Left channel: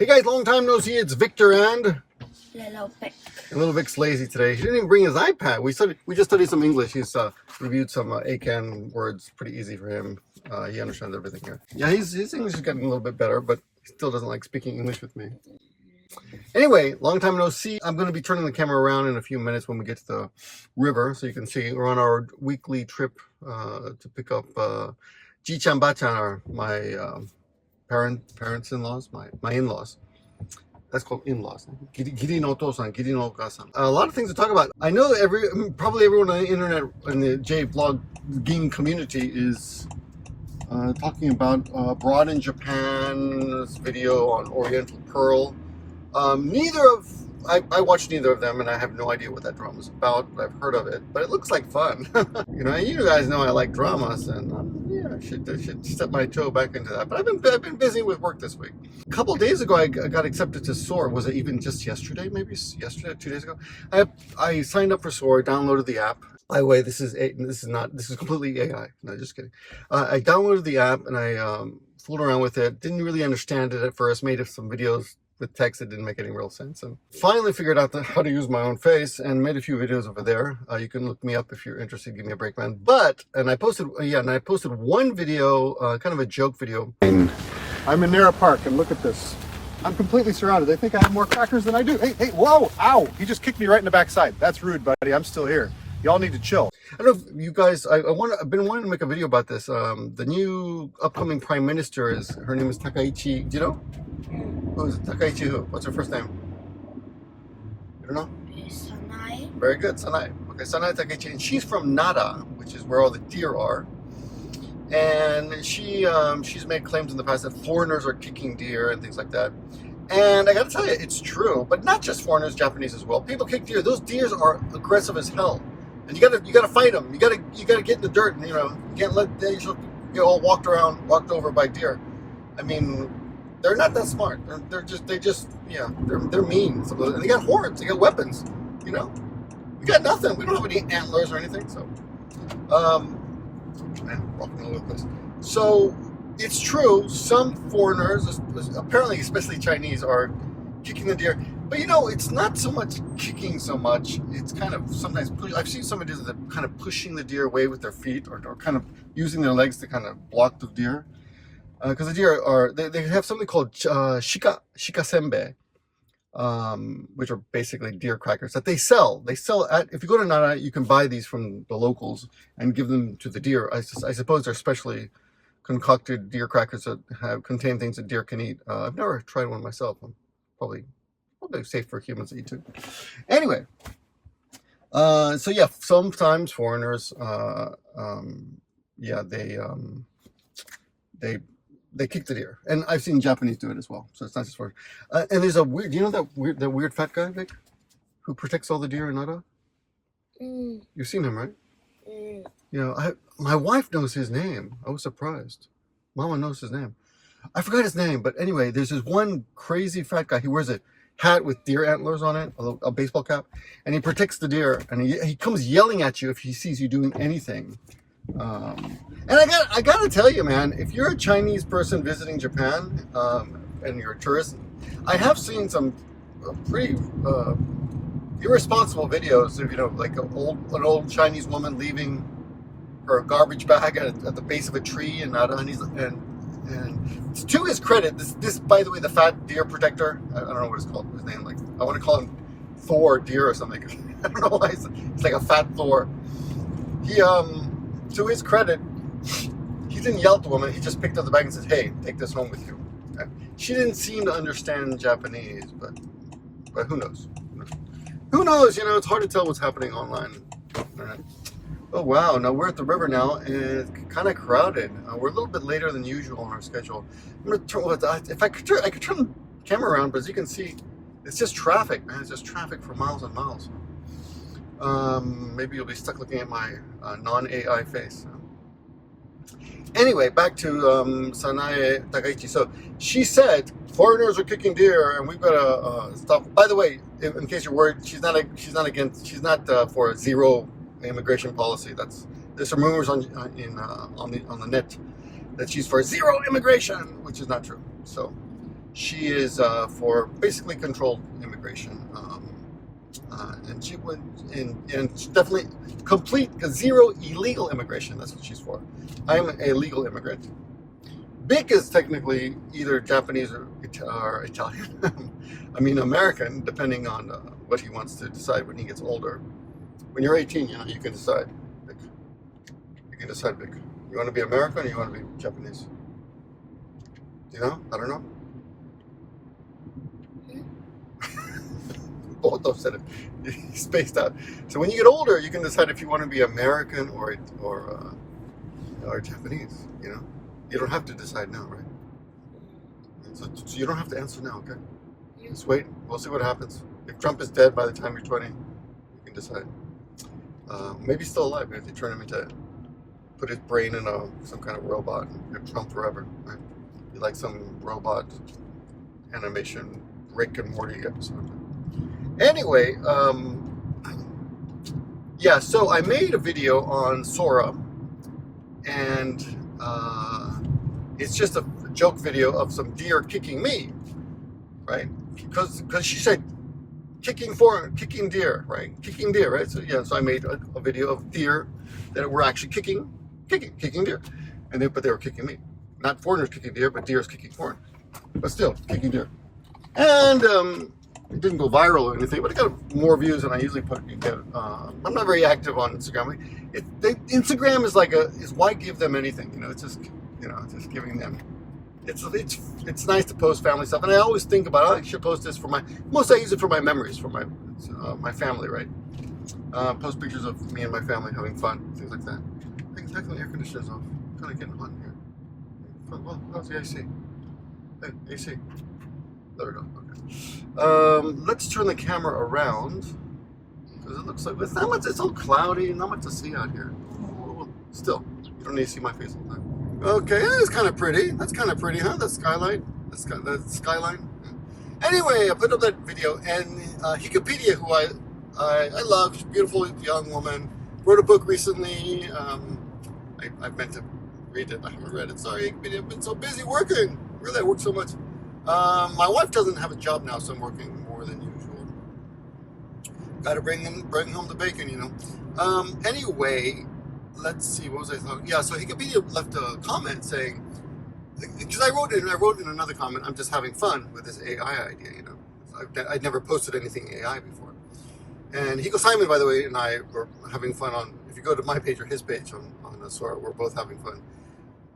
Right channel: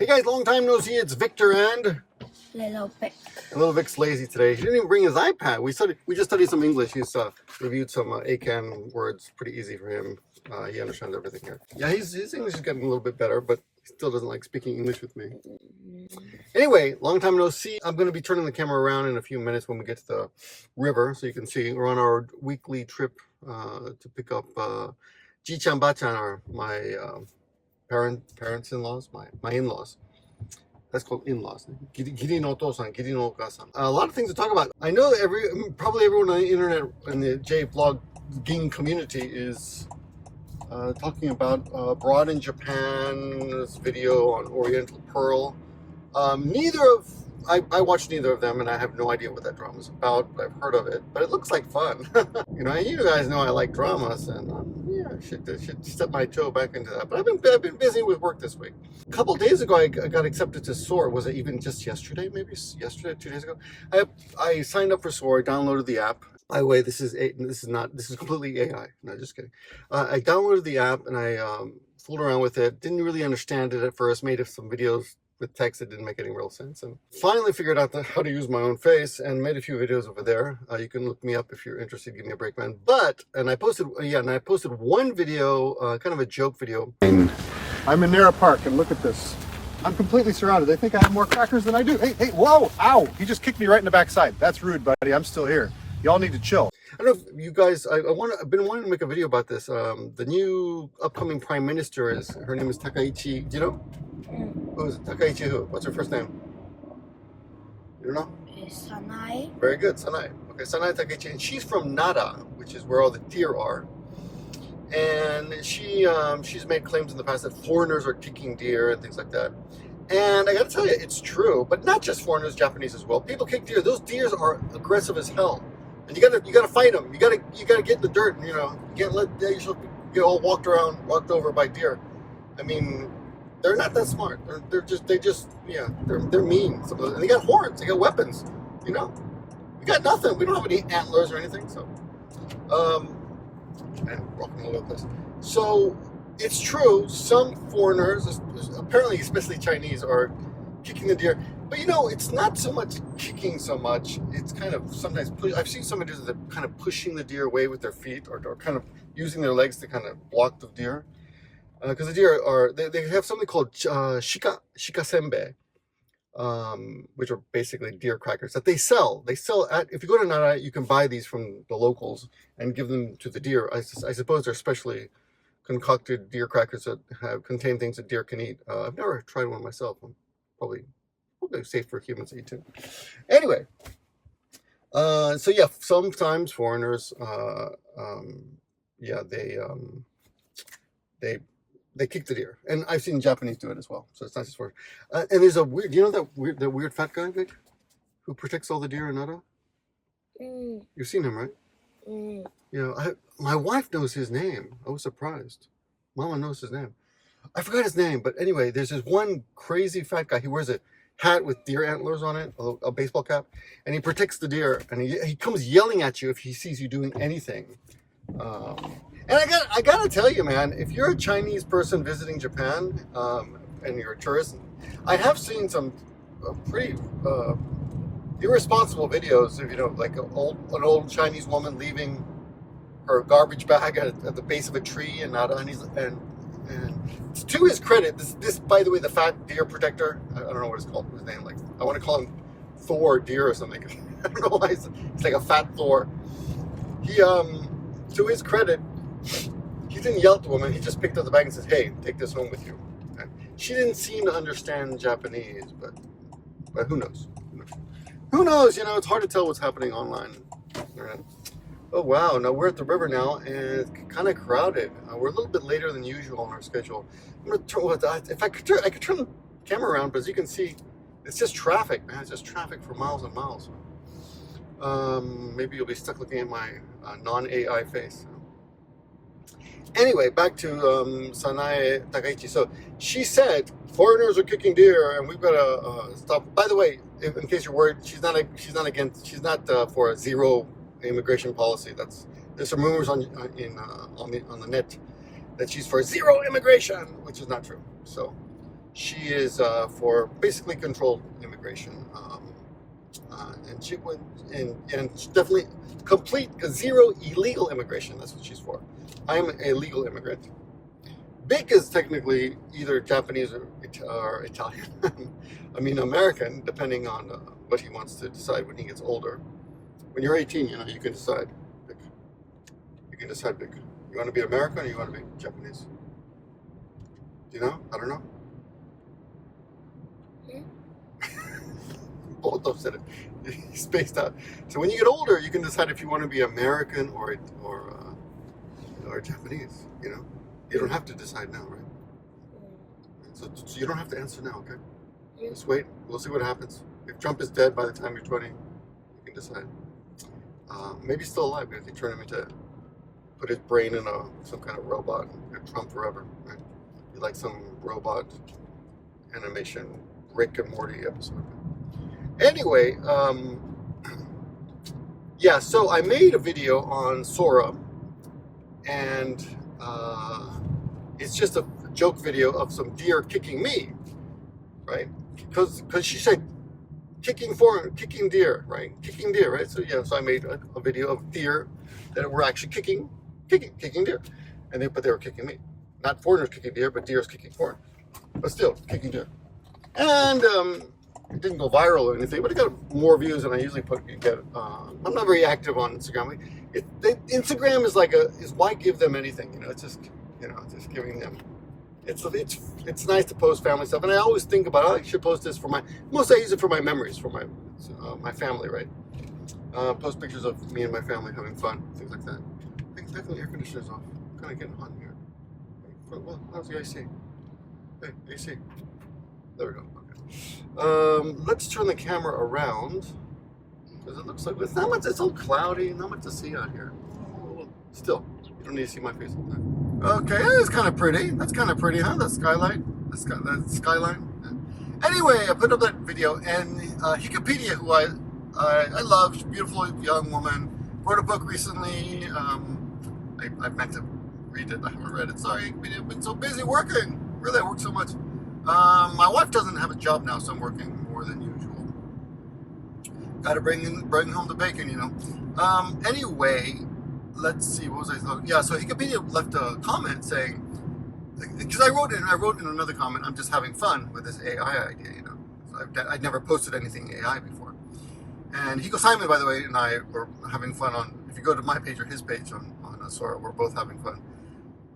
Hey guys, long time no see. It's Victor and Little Vic. Little Vic's lazy today. He didn't even bring his iPad. We just studied some English. He's reviewed some ACAN words. Pretty easy for him. He understands everything here. Yeah, his English is getting a little bit better, but he still doesn't like speaking English with me. Anyway, long time no see. I'm going to be turning the camera around in a few minutes when we get to the river, so you can see we're on our weekly trip to pick up Ji-chan, Ba-chan, are my parents-in-laws, my in-laws. That's called in-laws. Giri no otosan, giri no okasan. A lot of things to talk about. I know probably everyone on the internet in the J-vlogging community is talking about Abroad in Japan's video on Oriental Pearl. I watched neither of them, and I have no idea what that drama is about, but I've heard of it. But it looks like fun. You know, you guys know I like dramas, and yeah, I should step my toe back into that. But I've been busy with work this week. A couple days ago, I got accepted to SORA. Was it even just yesterday? Maybe yesterday, 2 days ago. I signed up for SORA, downloaded the app. By the way, this is completely AI. No, just kidding. I downloaded the app and I fooled around with it. Didn't really understand it at first. Made some videos with text that didn't make any real sense, and finally figured out how to use my own face and made a few videos over there. You can look me up if you're interested. Gimmeabreakman. I posted one video, kind of a joke video. I'm in Nara Park, and look at this. I'm completely surrounded. They think I have more crackers than I do. Hey, whoa, ow! He just kicked me right in the backside. That's rude, buddy. I'm still here. Y'all need to chill. I don't know if you guys, I've been wanting to make a video about this. The new upcoming prime minister her name is Takaichi. Do you know? Who is it? Takaichi who? What's her first name? You don't know? Sanai. Very good, Sanai. Okay, Sanai Takaichi. And she's from Nara, which is where all the deer are. And she's made claims in the past that foreigners are kicking deer and things like that. And I gotta tell you, it's true. But not just foreigners, Japanese as well. People kick deer. Those deers are aggressive as hell. And you gotta fight them. You gotta get in the dirt, and you can't let they get all walked over by deer. I mean, they're not that smart. They're mean. Some of those, and they got horns. They got weapons. We got nothing. We don't have any antlers or anything. So, man, rocking all over the place. So it's true. Some foreigners, apparently especially Chinese, are kicking the deer. But it's not so much kicking so much. It's kind of sometimes I've seen some videos that kind of pushing the deer away with their feet, or kind of using their legs to kind of block the deer. Because the deer they have something called shika senbei, which are basically deer crackers that they sell. If you go to Nara, you can buy these from the locals and give them to the deer. I suppose they're specially concocted deer crackers that contain things that deer can eat. I've never tried one myself. I'm probably safe for humans to eat too. Anyway, so yeah, sometimes foreigners, they kick the deer, and I've seen Japanese do it as well. So it's not just for. And there's a weird. You know that weird fat guy, Vic, who protects all the deer in Nara? You've seen him, right? My wife knows his name. I was surprised. Mama knows his name. I forgot his name, but anyway, there's this one crazy fat guy. He wears a hat with deer antlers on it, a baseball cap, and he protects the deer. And he comes yelling at you if he sees you doing anything. And I gotta tell you, man, if you're a Chinese person visiting Japan and you're a tourist, I have seen some pretty irresponsible videos of like an old Chinese woman leaving her garbage bag at the base of a tree and to his credit, this by the way, the fat deer protector, I don't know what it's called, his name, like I want to call him Thor Deer or something. I don't know why it's like a fat Thor. He to his credit, he didn't yell at the woman. He just picked up the bag and said, "Hey, take this home with you." Okay. She didn't seem to understand Japanese, but who knows? Who knows? It's hard to tell what's happening online. Right? Oh wow! Now we're at the river now, and it's kind of crowded. We're a little bit later than usual on our schedule. I'm gonna turn. If I could turn the camera around, but as you can see, it's just traffic, man. It's just traffic for miles and miles. Maybe you'll be stuck looking at my non-AI face. Anyway, back to Sanai Takaichi. So she said foreigners are kicking deer, and we've got to stop. By the way, in case you're worried, she's not for a zero immigration policy. There's some rumors on the net that she's for zero immigration, which is not true. So She is for basically controlled immigration, and she would, and definitely complete zero illegal immigration. That's what she's for. I'm a legal immigrant. Big is technically either Japanese or Italian. I mean American, depending on what he wants to decide when he gets older. When you're 18, you can decide. Big. You can decide big. You want to be American or you want to be Japanese? You know? I don't know. Both of them said it. He's spaced out. So when you get older, you can decide if you want to be American or Japanese. You know, you don't have to decide now, right? So you don't have to answer now, okay? Just wait. We'll see what happens. If Trump is dead by the time you're 20, you can decide. Maybe he's still alive. Maybe they turn him into, put his brain in some kind of robot and get Trump forever. Right? Be like some robot animation Rick and Morty episode. Anyway, yeah, so I made a video on SORA, and it's just a joke video of some deer kicking me, right? Because she said kicking deer, right? Kicking deer, right? So yeah, so I made a video of deer that were actually kicking deer, but they were kicking me, not foreigners kicking deer, but deers kicking foreigners, but still kicking deer, and it didn't go viral or anything, but it got more views than I usually get. I'm not very active on Instagram. Instagram is why give them anything? You know, it's just just giving them. It's nice to post family stuff, and I always think about I should post this for I use it for my memories, for my family, right? Post pictures of me and my family having fun, things like that. I think the air conditioner's off. Kind of getting hot in here. Well, how's the AC? Hey, AC. There we go. Okay. Let's turn the camera around because it looks like it's all cloudy, not much to see out here. Well, still, you don't need to see my face all the time. Okay, that's kind of pretty. That's kind of pretty, huh? That skyline. That skyline. Yeah. Anyway, I put up that video, and Wikipedia, who I love, she's a beautiful young woman, wrote a book recently. I meant to read it. I haven't read it. Sorry, Wikipedia. I've been so busy working. Really, I work so much. My wife doesn't have a job now, so I'm working more than usual. Got to bring home the bacon, you know. Anyway, let's see. What was I talking? Yeah, so Wikipedia left a comment saying, because I wrote in another comment, I'm just having fun with this AI idea, you know. I'd never posted anything AI before. And Hiko Simon, by the way, and I were having fun on. If you go to my page or his page on SORA, we're both having fun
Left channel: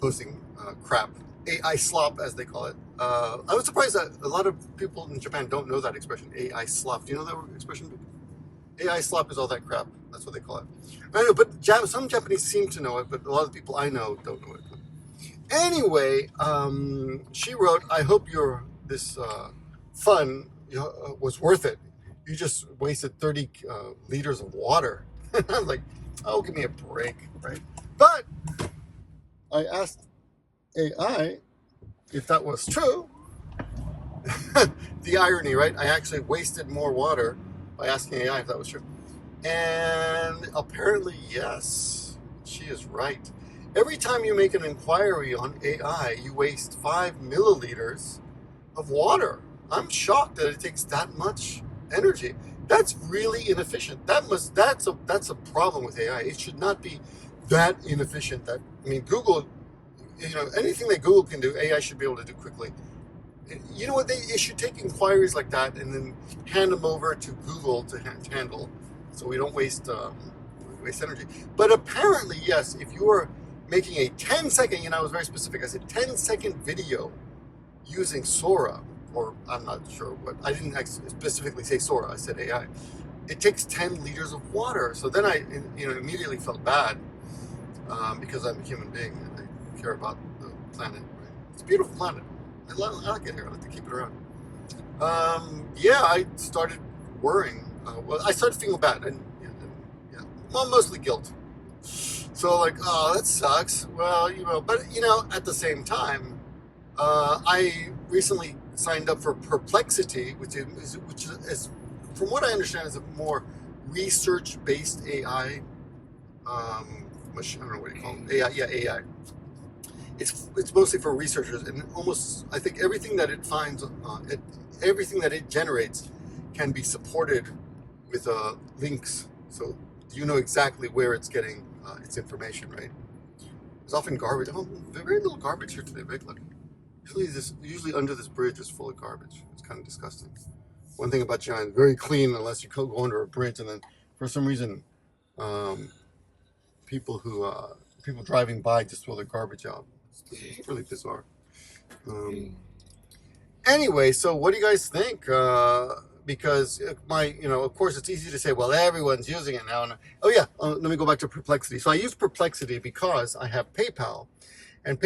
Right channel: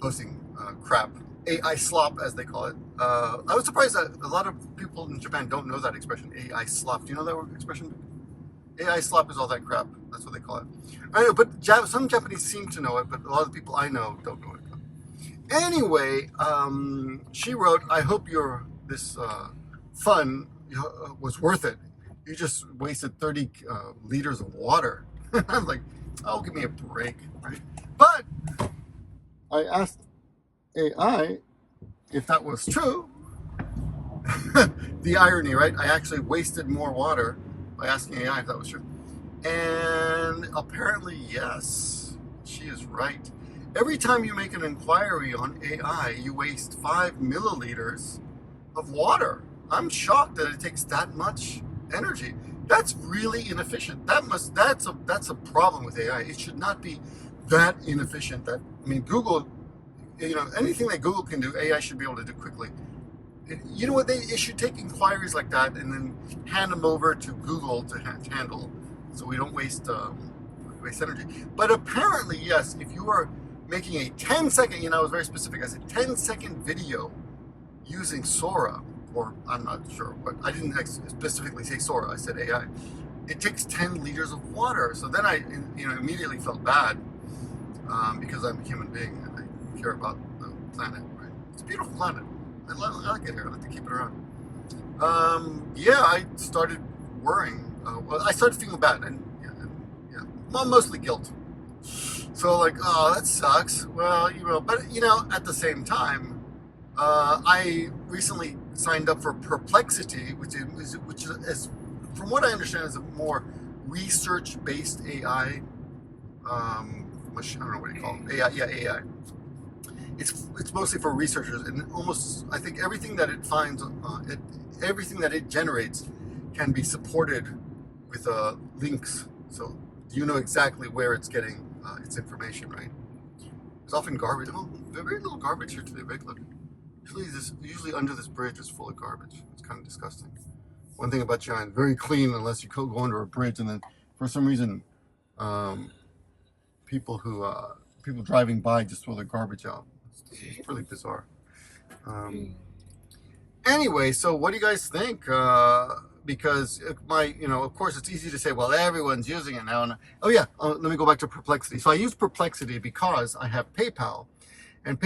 posting crap. AI slop, as they call it. I was surprised that a lot of people in Japan don't know that expression, AI slop. Do you know that expression? AI slop is all that crap. That's what they call it. I know, but some Japanese seem to know it, but a lot of people I know don't know it. Anyway, she wrote, I hope this fun was worth it. You just wasted 30 liters of water. I'm like, oh, give me a break, right? But I asked AI if that was true. The irony, right? I actually wasted more water by asking AI if that was true. And apparently, yes, she is right. Every time you make an inquiry on AI, you waste 5 milliliters of water. I'm shocked that it takes that much energy. That's really inefficient. That's a problem with AI. It should not be that inefficient. Google, you know, anything that Google can do, AI should be able to do quickly. You know what? It should take inquiries like that and then hand them over to Google to handle, so we don't waste energy. But apparently, yes, if you are making a 10-second, you know, I was very specific. I said 10-second video using SORA, or I'm not sure, but I didn't specifically say SORA. I said AI. It takes 10 liters of water. So then I, immediately felt bad because I'm a human being and I care about the planet. Right? It's a beautiful planet. I like it here. I like to keep it around. Yeah, I started worrying. Well, I started feeling bad, and well, mostly guilt. So like, oh, that sucks. Well, but at the same time, I recently signed up for Perplexity, which is, from what I understand, is a more research-based AI. I don't know what you call it. AI. it's mostly for researchers, and almost I think everything that it finds, everything that it generates, can be supported with links, so you know exactly where it's getting its information, right? There's often garbage. Oh, very little garbage here today, right? Look, usually under this bridge is full of garbage. It's kind of disgusting. One thing about China, very clean unless you go under a bridge, and then for some reason, um, people driving by just throw their garbage out. It's really bizarre. Anyway, so what do you guys think? Because of course, it's easy to say, well, everyone's using it now. And oh yeah, let me go back to Perplexity. So I use Perplexity because I have PayPal, and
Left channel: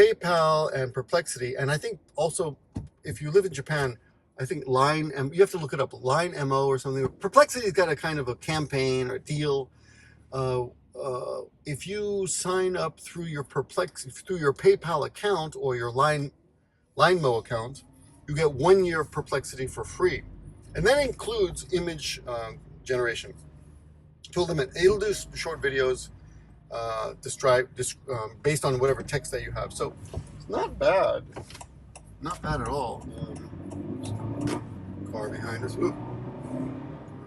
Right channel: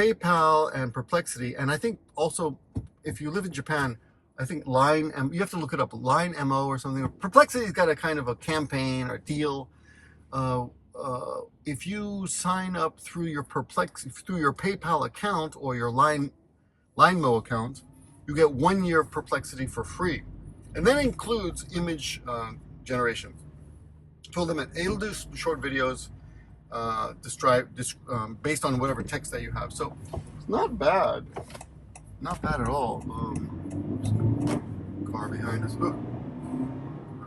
Perplexity, and I think also if you live in Japan, I think you have to look it up, Line MO or something. Perplexity's got a kind of a campaign or deal. If you sign up through your PayPal account or your LineMo account, you get 1 year of Perplexity for free, and that includes image generation. Told them it'll do short videos, based on whatever text that you have. So it's not bad at all. Car behind us. Ooh.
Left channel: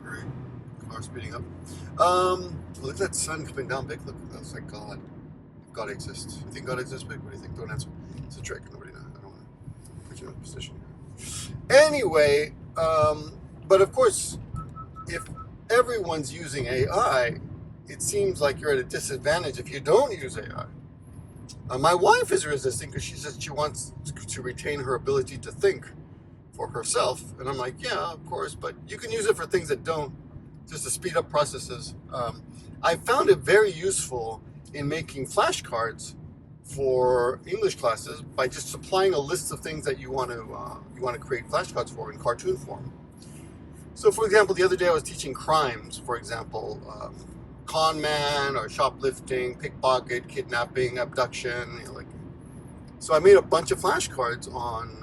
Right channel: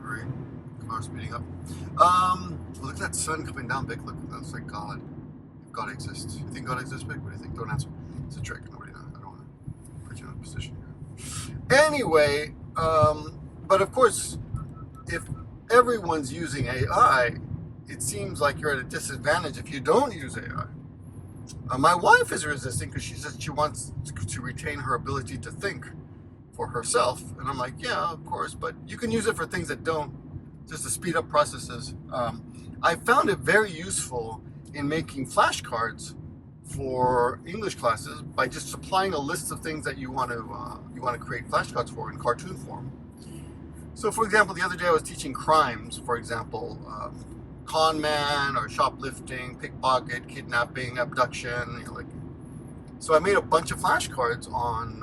Great. Car speeding up. Look at that sun coming down, Vic. Look, that's like God. If God exists. You think God exists, Vic? What do you think? Don't answer. It's a trick. Nobody knows. I don't want to put you in a position here. Anyway, but of course, if everyone's using AI, it seems like you're at a disadvantage if you don't use AI. My wife is resisting because she says she wants to retain her ability to think for herself, and I'm like, yeah, of course, but you can use it for things that don't, just to speed up processes. I found it very useful in making flashcards for English classes by just supplying a list of things that you want to create flashcards for in cartoon form. So, for example, the other day I was teaching crimes, for example, con man or shoplifting, pickpocket, kidnapping, abduction. So I made a bunch of flashcards on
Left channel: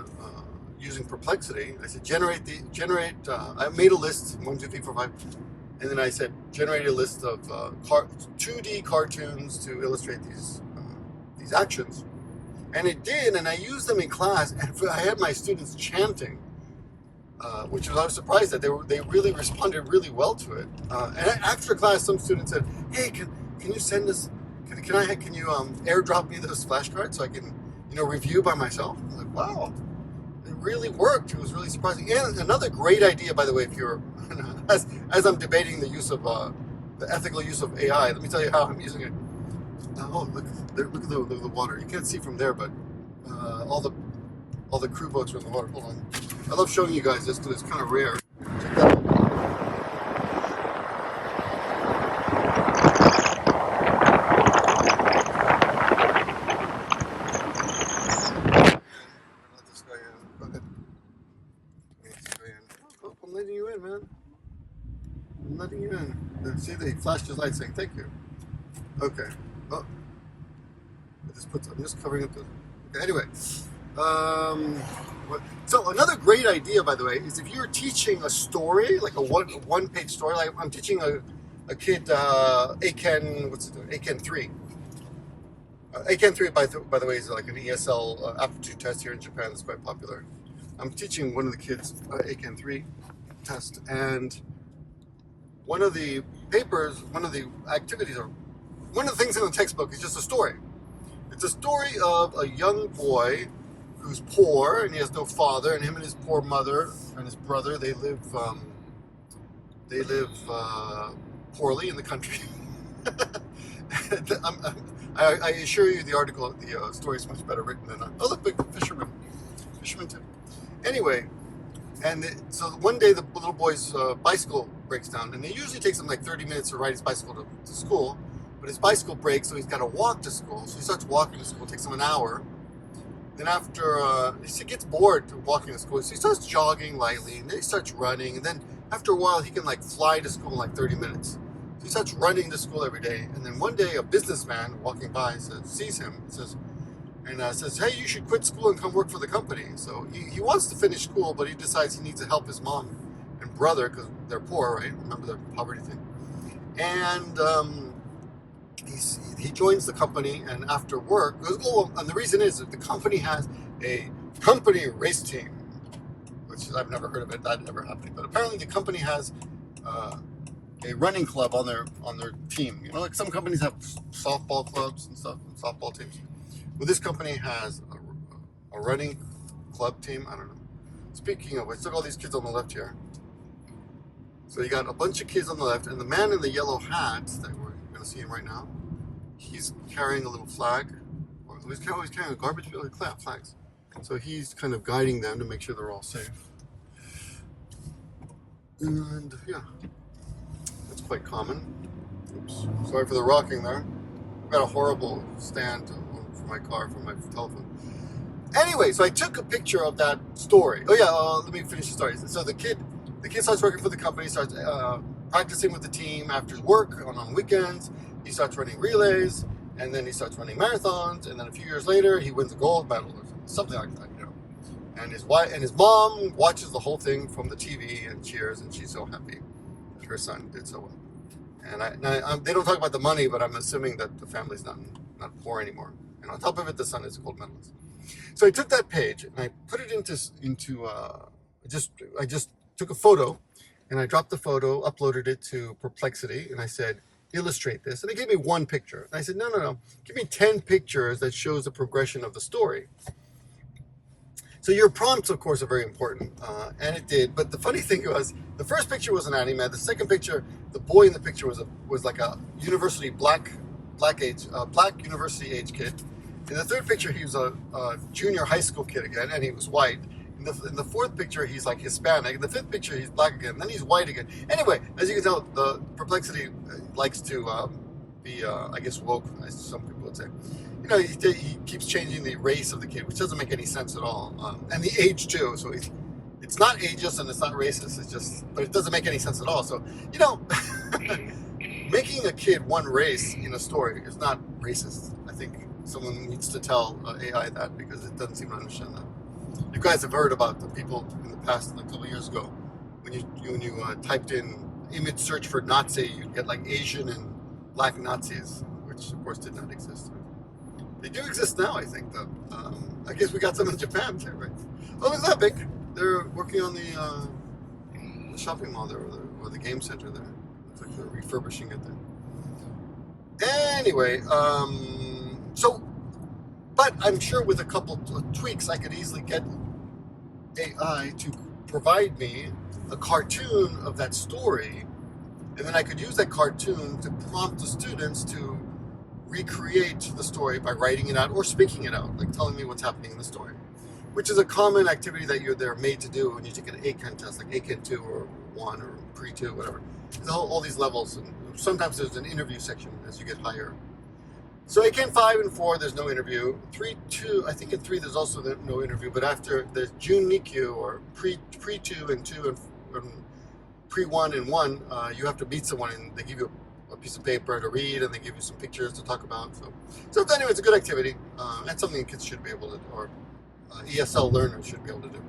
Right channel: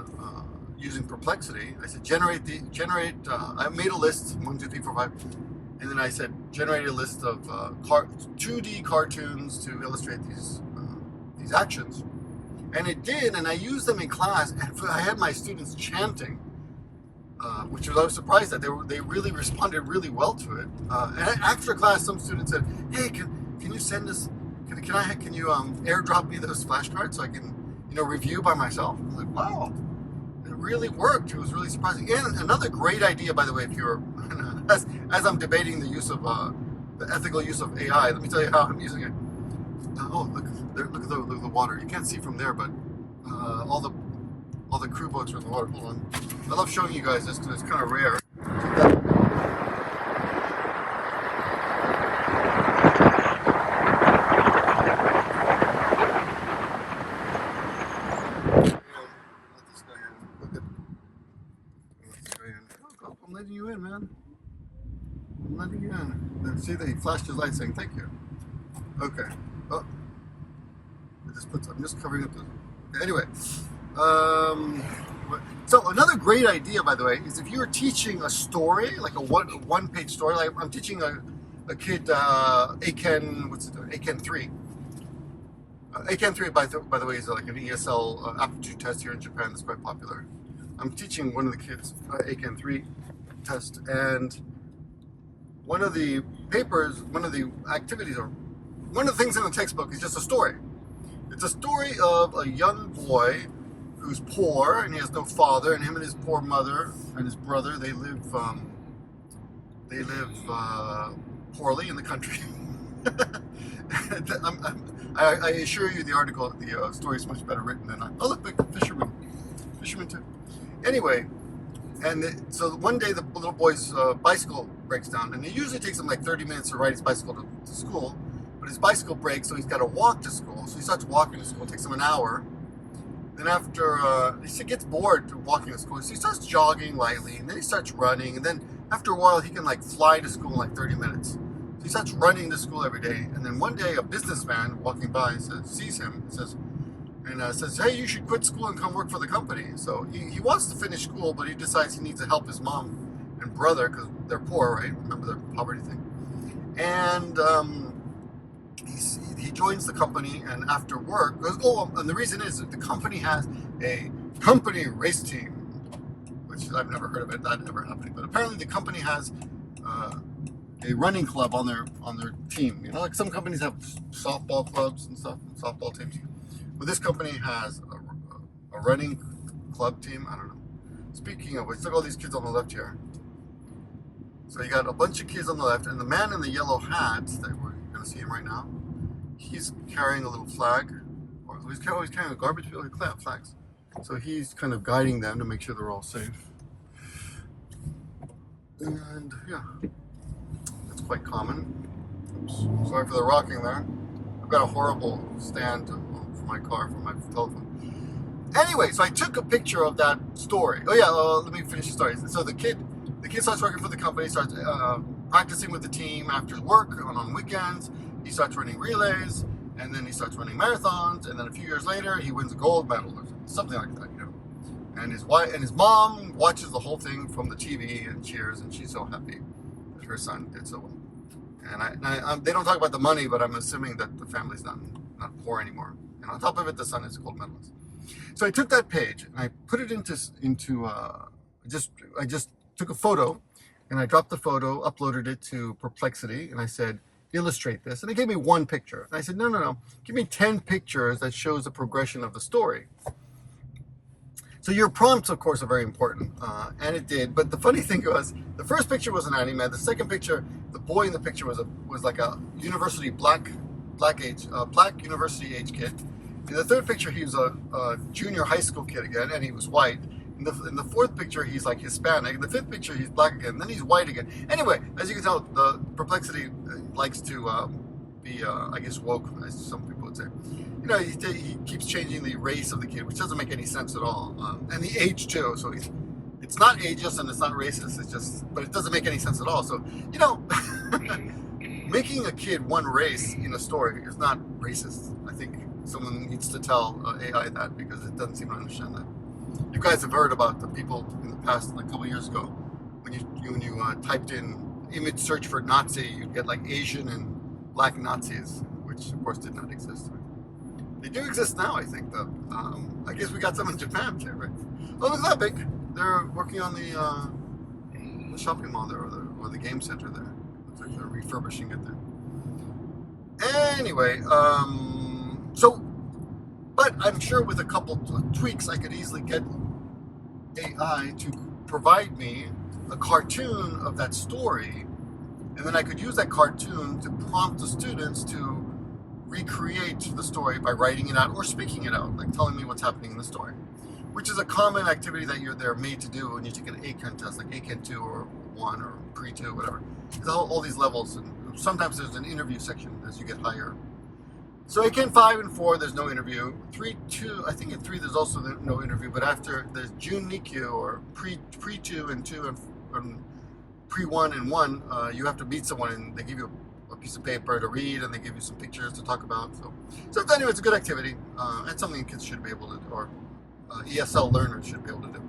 using Perplexity. I said I made a list 1, 2, 3, 4, 5, and then I said generate a list of 2D cartoons to illustrate these actions, and it did. And I used them in class, and I had my students chanting. Which I was surprised that they really responded really well to it. And after class, some students said, "Hey, can you send us? Can you airdrop me those flashcards so I can review by myself?" I'm like, wow, it really worked. It was really surprising. And another great idea, by the way, if you're as I'm debating the use of the ethical use of AI, let me tell you how I'm using it. Oh, look at the water. You can't see from there, but all the crew boats are in the water. Hold on. I love showing you guys this because it's kind of rare. Check that out. Let this guy in. Go ahead. Let this guy in. Oh, I'm letting you in, man. I'm letting you in. See, they flashed his light saying thank you. Okay. Oh. I'm just covering up the... Okay, anyway. So another great idea, by the way, is if you're teaching a story, like a one-page story, like I'm teaching a kid ACAN 3. ACAN 3, by the way, is like an ESL aptitude test here in Japan that's quite popular. I'm teaching one of the kids ACAN 3 test, and one of the activities, or one of the things in the textbook is just a story. It's a story of a young boy who's poor and he has no father, and him and his poor mother and his brother, they live poorly in the country. I assure you, the story is much better written than oh look, big fisherman too. Anyway, so one day the little boy's bicycle breaks down, and it usually takes him like 30 minutes to ride his bicycle to school, but his bicycle breaks, so he's got to walk to school. So he starts walking to school. It takes him an hour. Then after, he gets bored walking to school, so he starts jogging lightly, and then he starts running, and then after a while, he can like fly to school in like 30 minutes. So he starts running to school every day, and then one day a businessman walking by sees him, says, hey, you should quit school and come work for the company. So he wants to finish school, but he decides he needs to help his mom and brother, because they're poor, right? Remember the poverty thing. And he joins the company, and after work, and the reason is that the company has a company race team, which I've never heard of it, that never happening. But apparently the company has a running club on their team. You know, like some companies have softball clubs and stuff, and softball teams. But this company has a running club team. I don't know. Speaking of which, look at all these kids on the left here. So you got a bunch of kids on the left, and the man in the yellow hat that we're going to see him right now, he's carrying a little flag, or he's carrying a garbage flags. So he's kind of guiding them to make sure they're all safe. And yeah, that's quite common. Oops, sorry for the rocking there. I've got a horrible stand for my car, for my telephone. Anyway, so I took a picture of that story. Oh yeah, let me finish the story. So the kid starts working for the company, starts practicing with the team after work on weekends. He starts running relays, and then he starts running marathons, and then a few years later, he wins a gold medal or something like that, you know. And his wife and his mom watches the whole thing from the TV and cheers, and she's so happy that her son did so well. And they don't talk about the money, but I'm assuming that the family's not poor anymore. And on top of it, the son is a gold medalist. So I took that page and I put it into I just took a photo, and I dropped the photo, uploaded it to Perplexity, and I said, illustrate this. And they gave me one picture. And I said, no, give me 10 pictures that shows the progression of the story. So your prompts, of course, are very important, and it did. But the funny thing was, the first picture was an anime. The second picture, the boy in the picture was like a university black university age kid. In the third picture, he was a junior high school kid again, and he was white. In the fourth picture, he's like Hispanic. In the fifth picture, he's black again. Then he's white again. Anyway, as you can tell, the Perplexity likes to be, I guess, woke, as some people would say. You know, he keeps changing the race of the kid, which doesn't make any sense at all, and the age too. So it's not ageist and it's not racist. It's just, but it doesn't make any sense at all. So you know, making a kid one race in a story is not racist. I think someone needs to tell AI that, because it doesn't seem to understand that. You guys have heard about the people in the past, like a couple years ago, when you typed in image search for Nazi, you'd get like Asian and black Nazis, which of course did not exist. They do exist now, I think, though. I guess we got some in Japan too, right? Oh, it's not big. They're working on the shopping mall there, or the game center there. Looks like they're refurbishing it there. Anyway, but I'm sure with a couple of tweaks, I could easily get AI to provide me a cartoon of that story, and then I could use that cartoon to prompt the students to recreate the story by writing it out or speaking it out, like telling me what's happening in the story, which is a common activity that they're made to do when you take an ACAN test, like ACAN 2 or 1 or Pre-2, whatever. There's all these levels, and sometimes there's an interview section as you get higher. So ACAN 5 and 4, there's no interview. 3, 2, I think in 3 there's also no interview, but after there's Jun Nikyu, or Pre-2 and 2 and Pre-1 and 1, you have to meet someone, and they give you a piece of paper to read, and they give you some pictures to talk about. So anyway, it's a good activity, and something kids should be able to do, or ESL learners should be able to do.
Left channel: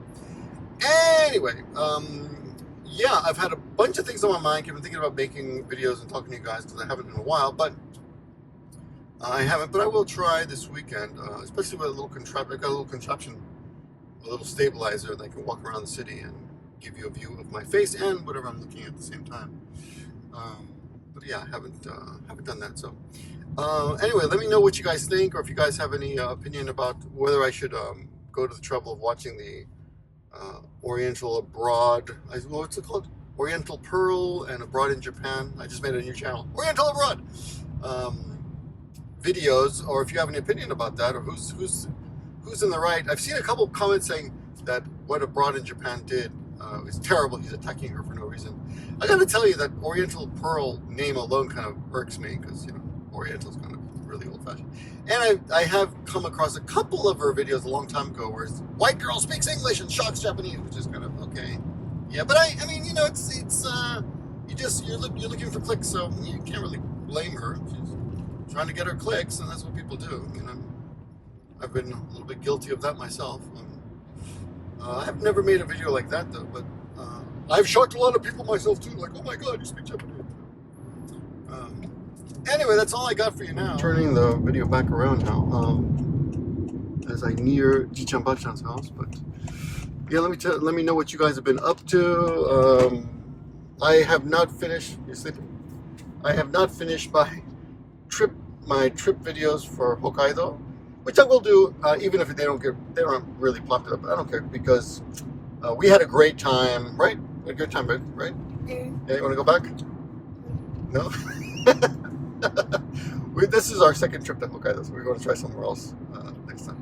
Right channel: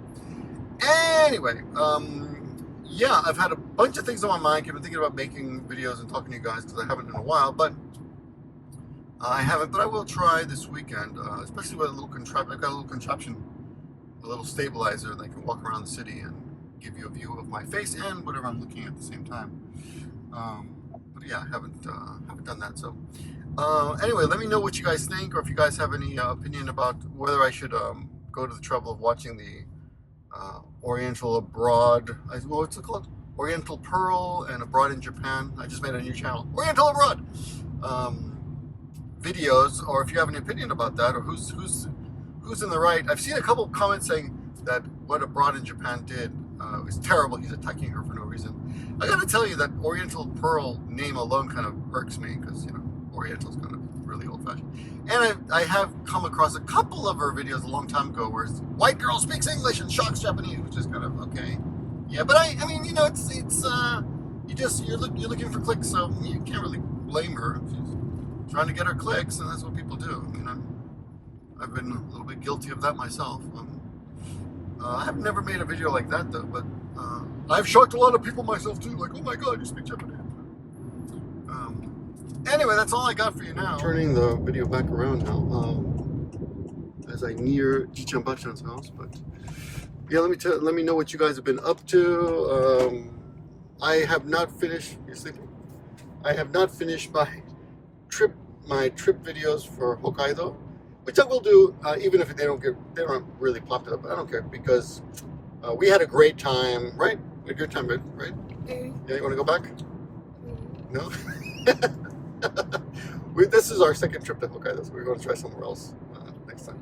Anyway, yeah, I've had a bunch of things on my mind. I've been thinking about making videos and talking to you guys, because I haven't in a while, but I will try this weekend, especially with a little contraption. I've got a little contraption, a little stabilizer that can walk around the city and give you a view of my face and whatever I'm looking at the same time. But yeah, I haven't done that. So anyway, let me know what you guys think, or if you guys have any opinion about whether I should go to the trouble of watching the Oriental Abroad, what's it called? Oriental Pearl and Abroad in Japan. I just made a new channel, Oriental Abroad videos, or if you have any opinion about that, or who's in the right. I've seen a couple of comments saying that what Abroad in Japan did is terrible. He's attacking her for no reason. I gotta tell you that Oriental Pearl name alone kind of irks me, because, you know, Oriental's kind of really old-fashioned. And I have come across a couple of her videos a long time ago where white girl speaks English and shocks Japanese, which is kind of okay. Yeah, but I mean, you know, it's you're looking for clicks, so you can't really blame her. She's trying to get her clicks, and that's what people do. You know, I've been a little bit guilty of that myself. I've never made a video like that though, but I've shocked a lot of people myself too. Like, oh my God, you speak Japanese. Anyway, that's all I got for you now. Turning the video back around now, as I near Jichan-bachan's house. But yeah, let me know what you guys have been up to. I have not finished. You sleeping? I have not finished my trip videos for Hokkaido, which I will do, even if they don't really popular. But I don't care because we had a great time, right? We had a good time, right? Yeah, you want to go back? No. This is our second trip to Hokkaido, so we're going to try somewhere else next time.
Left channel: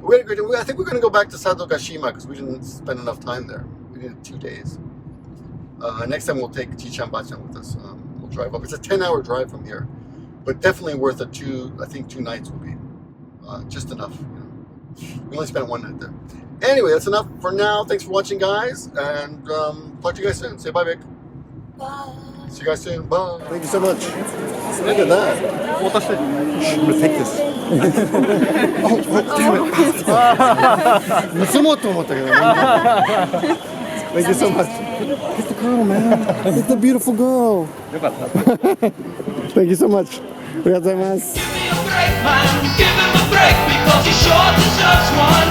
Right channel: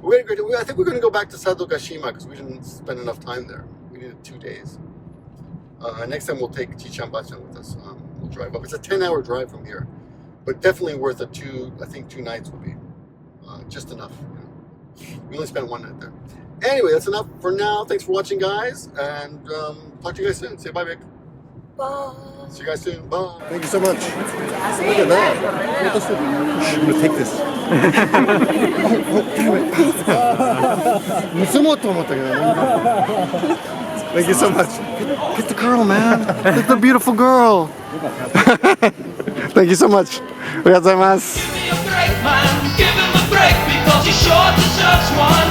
We had a great time. I think we're going to go back to Sadogashima because we didn't spend enough time there. We needed 2 days. Next time we'll take Jichan-bachan with us. We'll drive up. It's a 10-hour drive from here, but definitely worth it. I think 2 nights would be just enough. You know, we only spent 1 night there. Anyway, that's enough for now. Thanks for watching, guys, and talk to you guys soon. Say bye, Vic. Bye. See you guys soon. Bye. Thank you so much. Look at that. I'm gonna take this. Oh, damn it. Thank you so much. Get the girl, man. Get the beautiful girl. Thank you so much. Give me a break, man. Give him a break because he sure deserves one.